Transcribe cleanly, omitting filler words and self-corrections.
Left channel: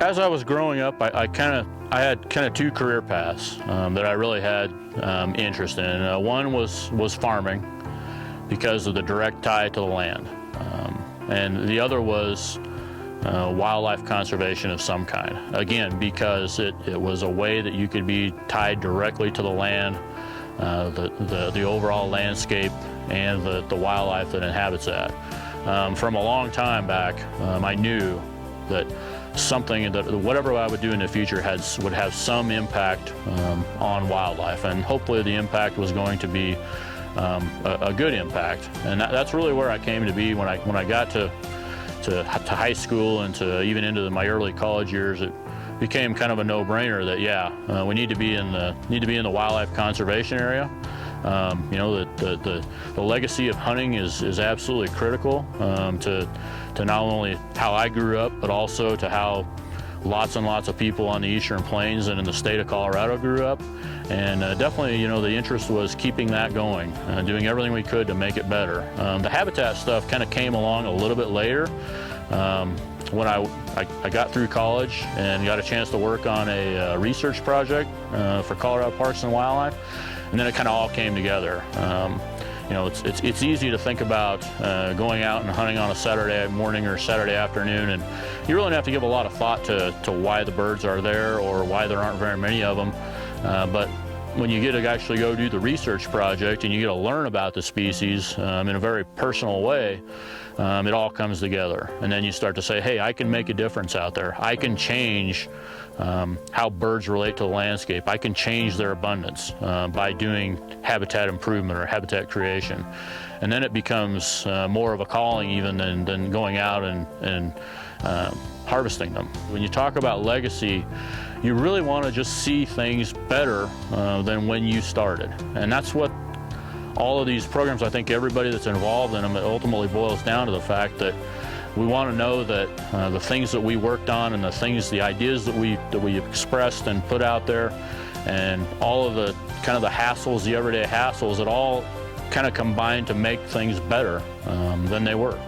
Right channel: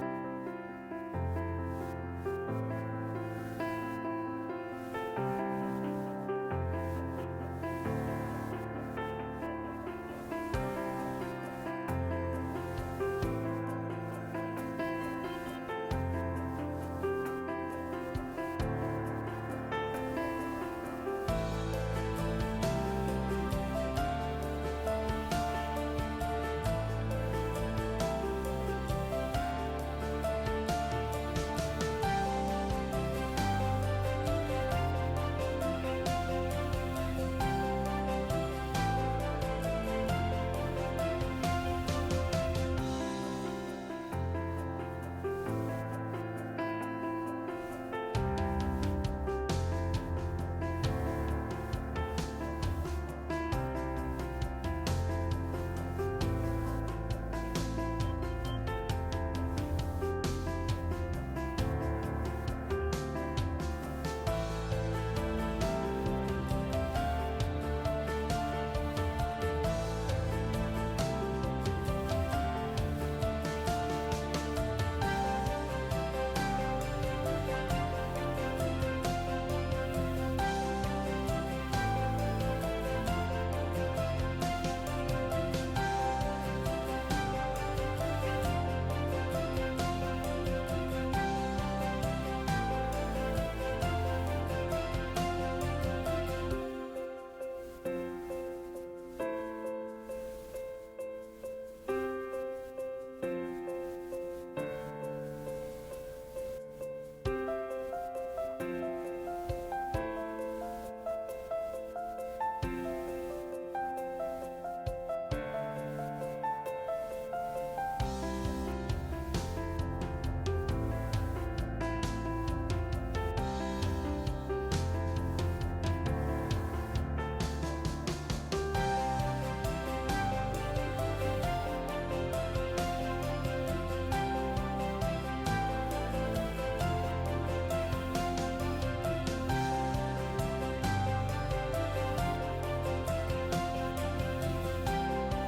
As I was growing up, I had kind of two career paths that I really had interest in. One was farming because of the direct tie to the land, and the other was wildlife conservation of some kind. Again, because it was a way that you could be tied directly to the land, the overall landscape, and the wildlife that inhabits that. From a long time back, I knew that whatever I would do in the future would have some impact on wildlife, and hopefully the impact was going to be a good impact. And that's really where I came to be when I got to high school and to even into my early college years. It became kind of a no-brainer that we need to be in the wildlife conservation area. You know, the legacy of hunting is absolutely critical to not only how I grew up, but also to how lots and lots of people on the Eastern Plains and in the state of Colorado grew up. And definitely, you know, the interest was keeping that going, doing everything we could to make it better. The habitat stuff kind of came along a little bit later. When I got through college and got a chance to work on a research project for Colorado Parks and Wildlife, and then it kind of all came together. You know, it's easy to think about going out and hunting on a Saturday morning or Saturday afternoon, and you really don't have to give a lot of thought to why the birds are there or why there aren't very many of them. But when you get to actually go do the research project and you get to learn about the species in a very personal way, it all comes together. And then you start to say, hey, I can make a difference out there. I can change how birds relate to the landscape. I can change their abundance by doing habitat improvement or habitat creation. And then it becomes more of a calling even than going out and harvesting them. When you talk about legacy, you really want to just see things better than when you started. And that's what all of these programs, I think everybody that's involved in them, it ultimately boils down to the fact that we want to know that the things that we worked on and the ideas that we expressed and put out there, and all of the kind of the hassles, the everyday hassles, it all kind of combined to make things better than they were.